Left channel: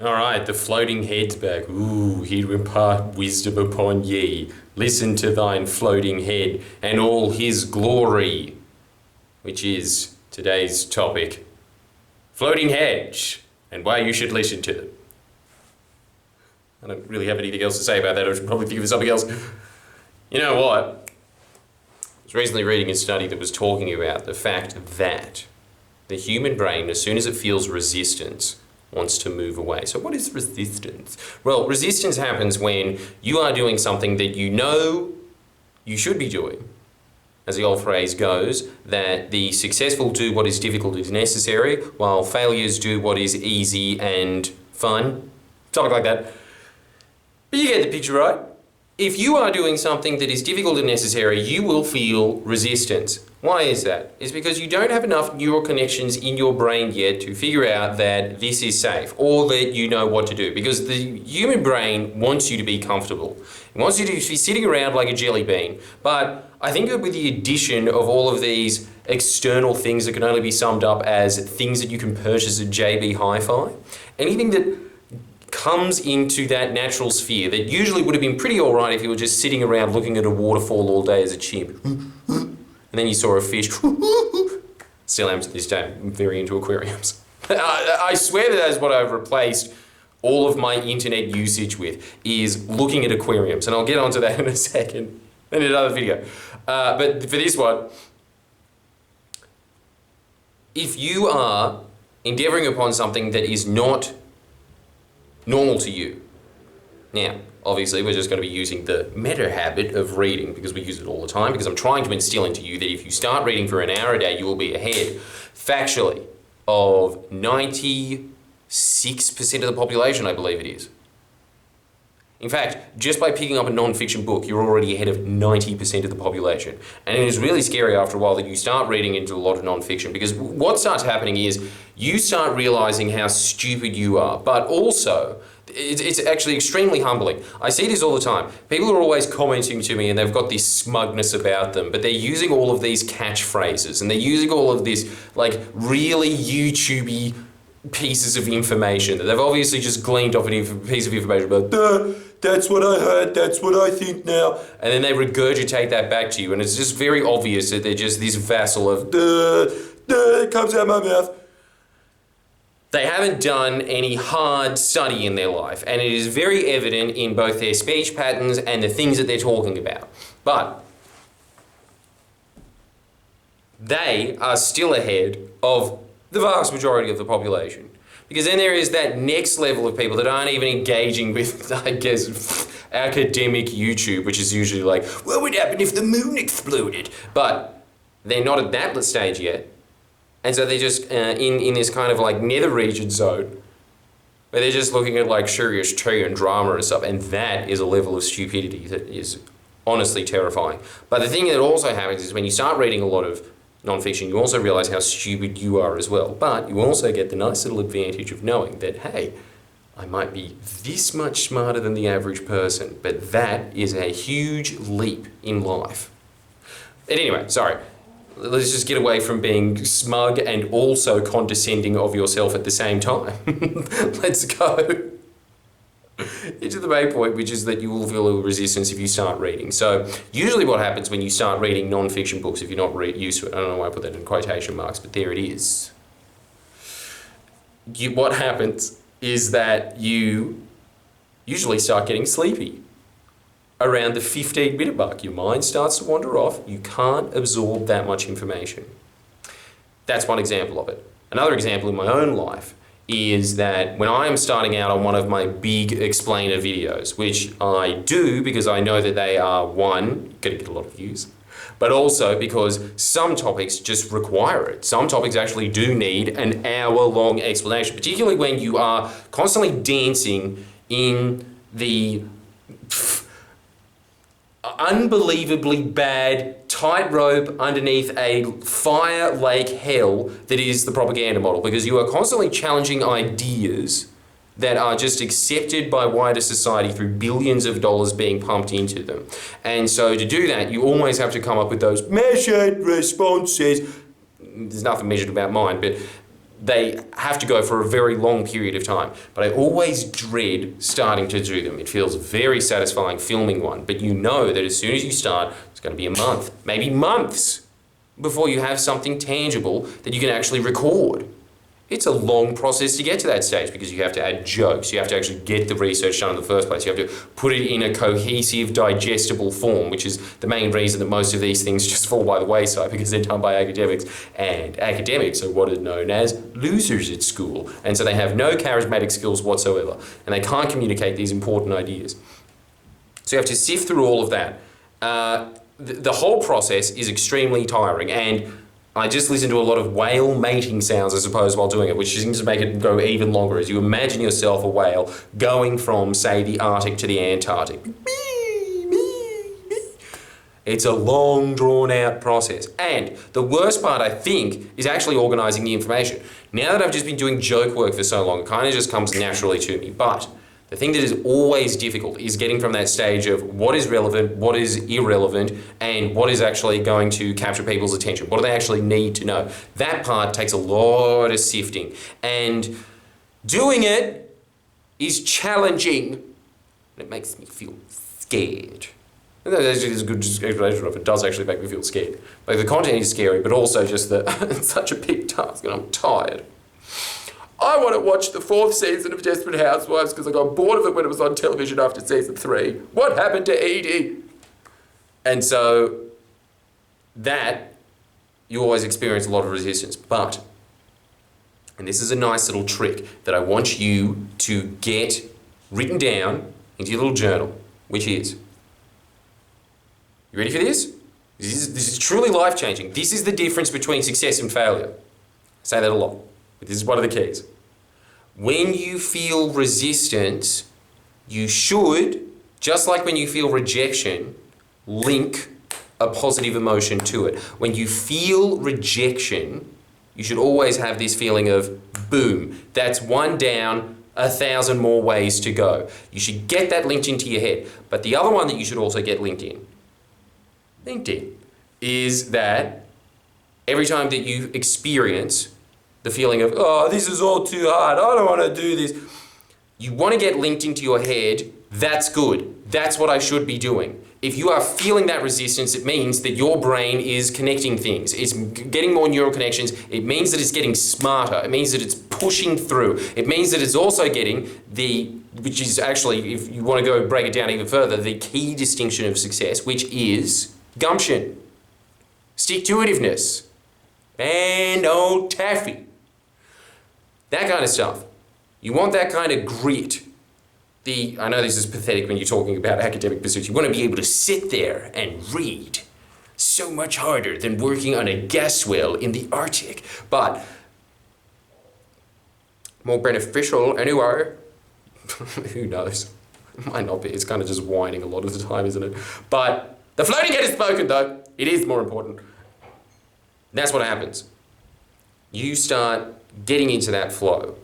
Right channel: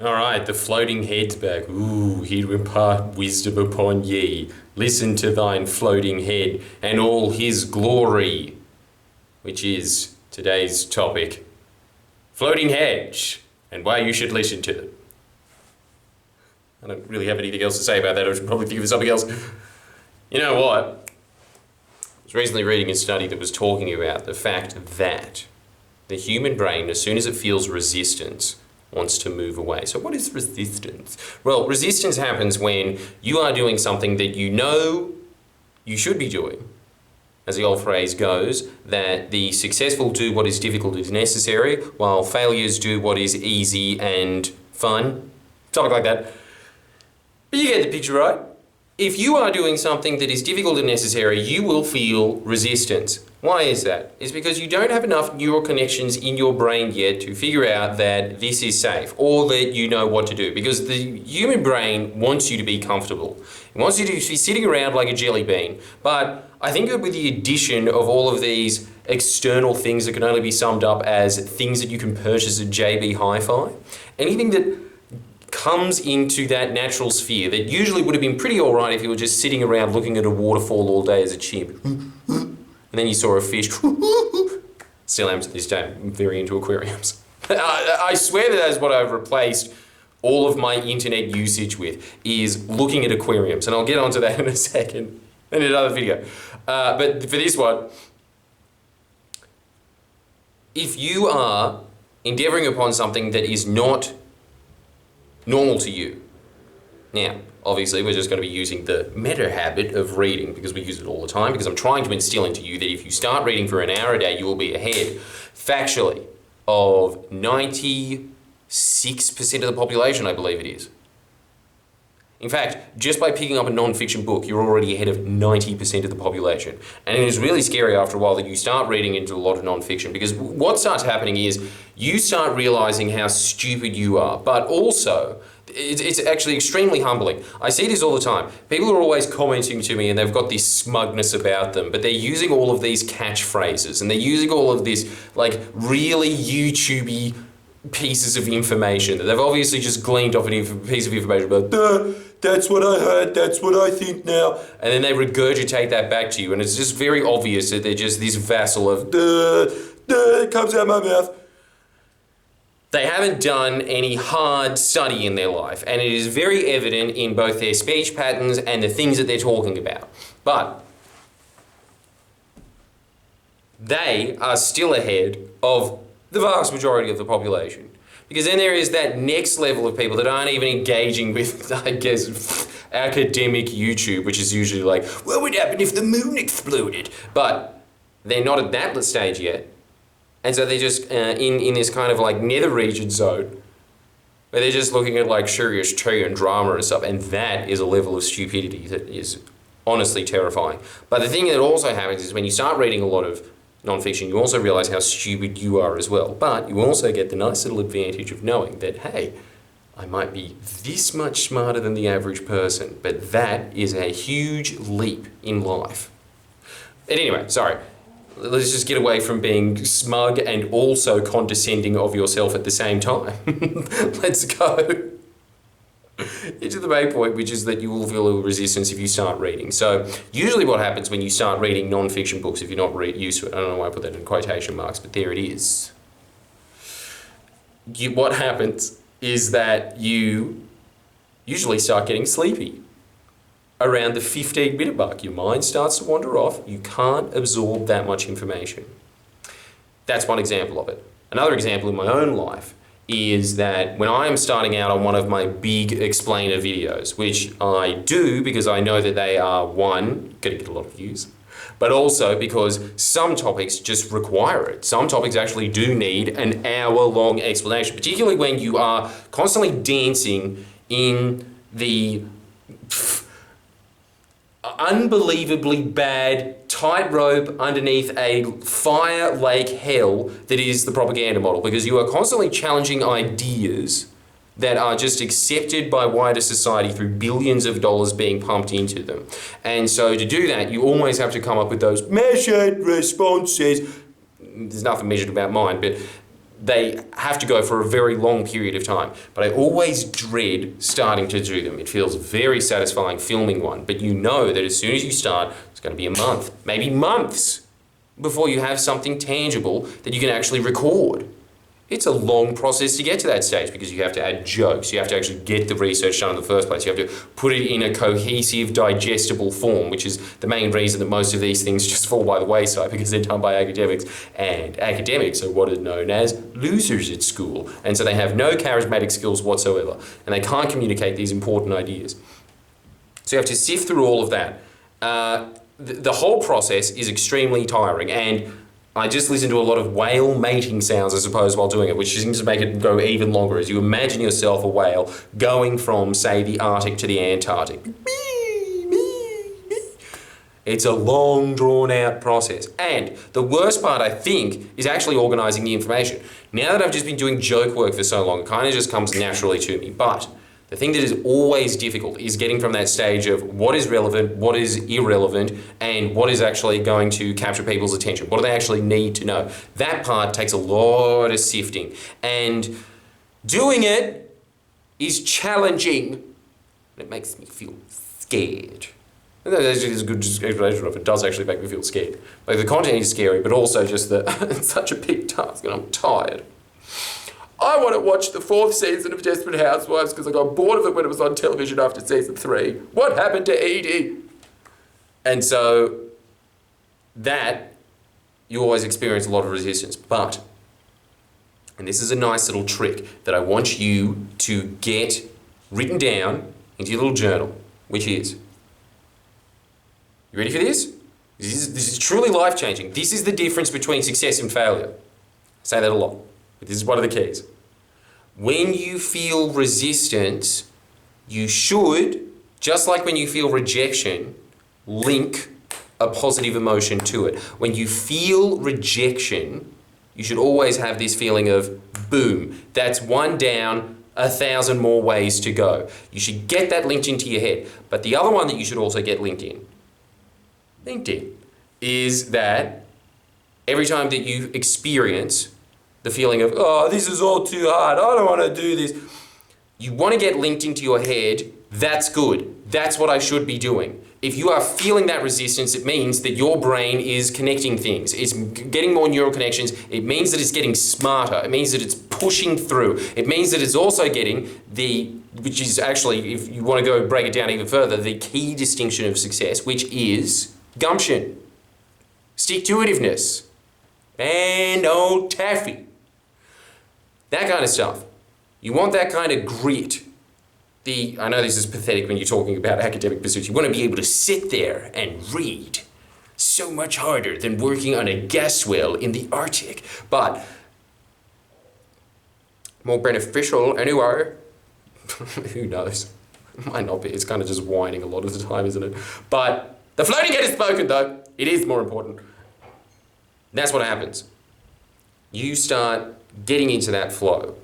All right, the floating head's back. Ooh, he to impart wisdom upon ye. Listen to thine floating head and all his glory, which is today's topic. Floating heads and why you should listen to them. I don't really have anything else to say about that. I should probably think of something else. You know what? I was recently reading a study that was talking about the fact that the human brain, as soon as it feels resistance, wants to move away. So what is resistance? Well, resistance happens when you are doing something that you know you should be doing. As the old phrase goes, that the successful do what is difficult is necessary, while failures do what is easy and fun. Something like that. But you get the picture, right? If you are doing something that is difficult and necessary, you will feel resistance. Why is that? It's because you don't have enough neural connections in your brain yet to figure out that this is safe or that you know what to do. Because the human brain wants you to be comfortable. It wants you to be sitting around like a jelly bean. But I think that with the addition of all of these external things that can only be summed up as things that you can purchase at JB Hi-Fi, anything that comes into that natural sphere that usually would have been pretty alright if you were just sitting around looking at a waterfall all day as a chimp. And then you saw a fish. Still am to this day. I'm very into aquariums. I swear that is what I've replaced all of my internet usage with, is looking at aquariums. And I'll get onto that in a second, in another video. But for this one, if you are endeavouring upon something that is not normal to you. Now, obviously, we're just going to be using the meta habit of reading because we use it all the time, because I'm trying to instill into you that if you start reading for an hour a day, you will be ahead, factually, of 96% of the population, I believe it is. In fact, just by picking up a non-fiction book, you're already ahead of 90% of the population. And it is really scary after a while that you start reading into a lot of non-fiction, because what starts happening is you start realizing how stupid you are, but also it's actually extremely humbling. I see this all the time. People are always commenting to me and they've got this smugness about them, but they're using all of these catchphrases and they're using all of this like really YouTubey pieces of information that they've obviously just gleaned off a piece of information about, that's what I heard, that's what I think now. And then they regurgitate that back to you, and it's just very obvious that they're just this vassal of, it comes out my mouth. They haven't done any hard study in their life, and it is very evident in both their speech patterns and the things that they're talking about. But they are still ahead of the vast majority of the population. Because then there is that next level of people that aren't even engaging with, I guess, academic YouTube, which is usually like, what would happen if the moon exploded? But they're not at that stage yet. And so they're just in this kind of like nether region zone where they're just looking at like serious tea and drama and stuff. And that is a level of stupidity that is honestly terrifying. But the thing that also happens is when you start reading a lot of non-fiction, you also realize how stupid you are as well. But you also get the nice little advantage of knowing that, hey, I might be this much smarter than the average person, but that is a huge leap in life. But anyway, sorry. Let's just get away from being smug and also condescending of yourself at the same time. Let's go into the main point, which is that you will feel a resistance if you start reading. So usually what happens when you start reading non-fiction books, if you're not used to it, I don't know why I put that in quotation marks, but there it is. What happens is that you usually start getting sleepy. Around the 15-minute mark, your mind starts to wander off. You can't absorb that much information. That's one example of it. Another example in my own life is that when I am starting out on one of my big explainer videos, which I do because I know that they are, one, going to get a lot of views, but also because some topics just require it. Some topics actually do need an hour-long explanation, particularly when you are constantly dancing in the unbelievably bad tightrope underneath a fire lake hell that is the propaganda model, because you are constantly challenging ideas that are just accepted by wider society through billions of dollars being pumped into them. And so to do that, you always have to come up with those measured responses. There's nothing measured about mine, but they have to go for a very long period of time. But I always dread starting to do them. It feels very satisfying filming one, but you know that as soon as you start, it's going to be a month, maybe months, before you have something tangible that you can actually record. It's a long process to get to that stage because you have to add jokes, you have to actually get the research done in the first place, you have to put it in a cohesive, digestible form, which is the main reason that most of these things just fall by the wayside because they're done by academics, and academics are what are known as losers at school, and so they have no charismatic skills whatsoever, and they can't communicate these important ideas. So you have to sift through all of that. The whole process is extremely tiring, and I just listen to a lot of whale mating sounds, I suppose, while doing it, which seems to make it go even longer as you imagine yourself a whale going from, say, the Arctic to the Antarctic. It's a long, drawn-out process. And the worst part, I think, is actually organising the information. Now that I've just been doing joke work for so long, it kind of just comes naturally to me. But the thing that is always difficult is getting from that stage of what is relevant, what is irrelevant, and what is actually going to capture people's attention. What do they actually need to know? That part takes a lot of sifting. And doing it is challenging. It makes me feel scared. And that's a good explanation of it. It does actually make me feel scared. Like the content is scary, but also just that it's such a big task and I'm tired. I want to watch the 4th season of Desperate Housewives because I got bored of it when it was on television after season 3. What happened to Edie? And so that, you always experience a lot of resistance. But, and this is a nice little trick that I want you to get written down into your little journal, which is, you ready for this? This is truly life-changing. This is the difference between success and failure. I say that a lot, but this is one of the keys. When you feel resistance, you should, just like when you feel rejection, link a positive emotion to it. When you feel rejection, you should always have this feeling of, boom, that's one down, 1,000 more ways to go. You should get that linked into your head. But the other one that you should also get linked in, is that every time that you experience the feeling of, oh, this is all too hard, I don't want to do this, you want to get linked into your head, that's good, that's what I should be doing. If you are feeling that resistance, it means that your brain is connecting things. It's getting more neural connections. It means that it's getting smarter. It means that it's pushing through. It means that it's also getting which is actually, if you want to go break it down even further, the key distinction of success, which is gumption, stick-to-itiveness, and old taffy. That kind of stuff. You want that kind of grit. I know this is pathetic when you're talking about academic pursuits. You want to be able to sit there and read. So much harder than working on a gas well in the Arctic. But more beneficial anyway. Who knows? It might not be. It's kind of just whining a lot of the time, isn't it? But the floating head is spoken, though. It is more important. That's what happens. You start getting into that flow.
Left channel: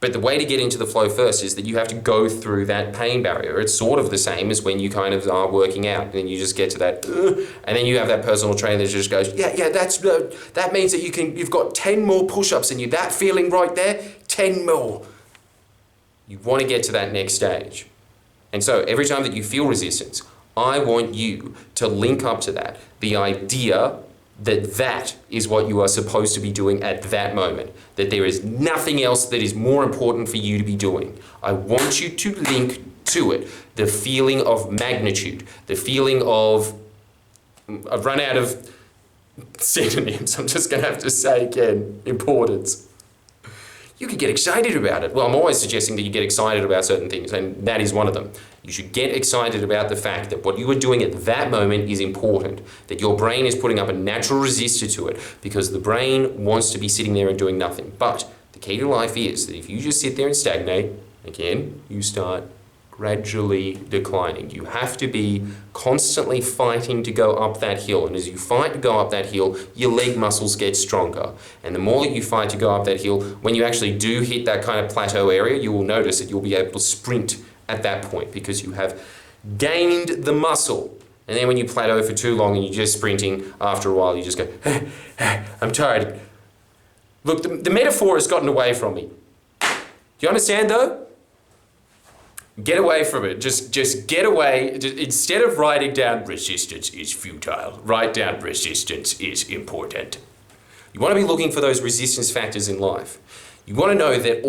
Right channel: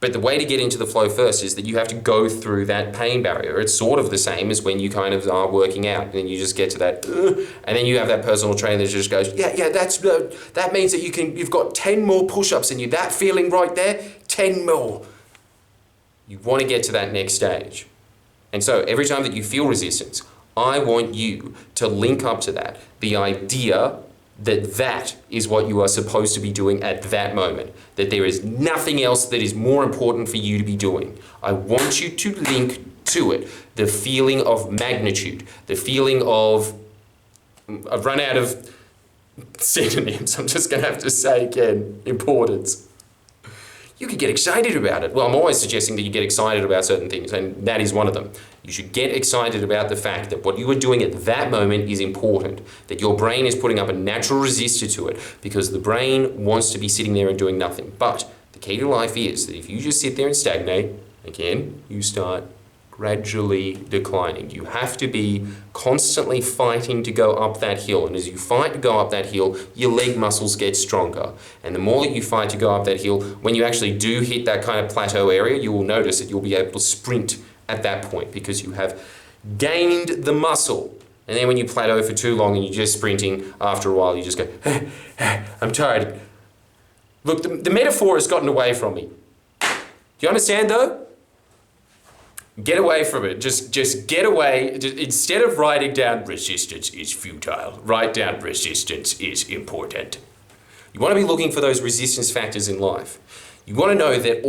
But the way to get into the flow first is that you have to go through that pain barrier. It's sort of the same as when you kind of are working out, and then you just get to that, and then you have that personal trainer that just goes, that means that you've got 10 more push-ups in you. That feeling right there, 10 more. You want to get to that next stage. And so every time that you feel resistance, I want you to link up to that, the idea that is what you are supposed to be doing at that moment, that there is nothing else that is more important for you to be doing. I want you to link to it the feeling of magnitude, the feeling of, I've run out of synonyms, I'm just going to have to say again, importance. You could get excited about it. Well, I'm always suggesting that you get excited about certain things, and that is one of them. You should get excited about the fact that what you are doing at that moment is important, that your brain is putting up a natural resistor to it, because the brain wants to be sitting there and doing nothing. But the key to life is that if you just sit there and stagnate, again, you start gradually declining. You have to be constantly fighting to go up that hill. And as you fight to go up that hill, your leg muscles get stronger. And the more that you fight to go up that hill, when you actually do hit that kind of plateau area, you will notice that you'll be able to sprint at that point because you have gained the muscle. And then when you plateau for too long and you're just sprinting, after a while you just go, I'm tired. Look, the metaphor has gotten away from me. Do you understand though? Get away from it. Just get away. Instead of writing down resistance is futile, write down resistance is important. You want to be looking for those resistance factors in life. You want to know that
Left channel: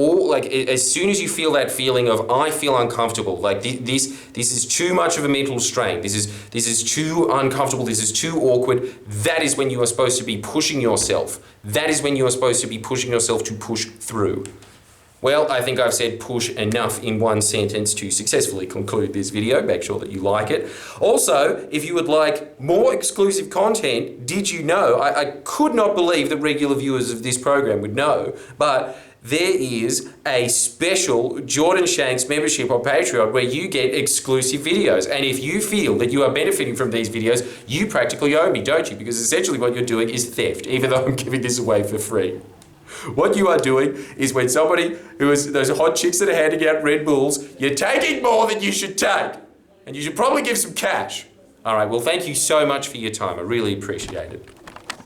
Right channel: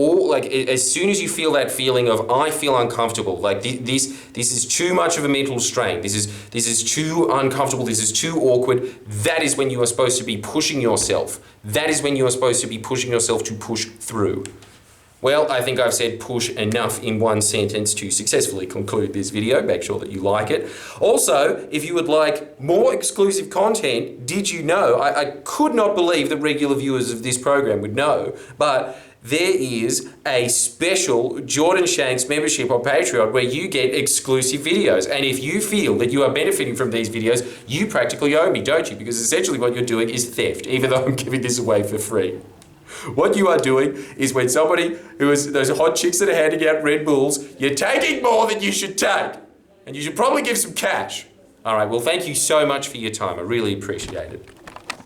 as soon as you feel that feeling of I feel uncomfortable, like this is too much of a mental strain, this is too uncomfortable, this is too awkward, that is when you are supposed to be pushing yourself. That is when you are supposed to be pushing yourself to push through. Well, I think I've said push enough in one sentence to successfully conclude this video. Make sure that you like it. Also, if you would like more exclusive content, did you know, I could not believe that regular viewers of this program would know, but there is a special Jordan Shanks membership on Patreon where you get exclusive videos. And if you feel that you are benefiting from these videos, you practically owe me, don't you? Because essentially what you're doing is theft, even though I'm giving this away for free. What you are doing is when somebody who is those hot chicks that are handing out Red Bulls, you're taking more than you should take. And you should probably give some cash. All right, well, thank you so much for your time. I really appreciate it.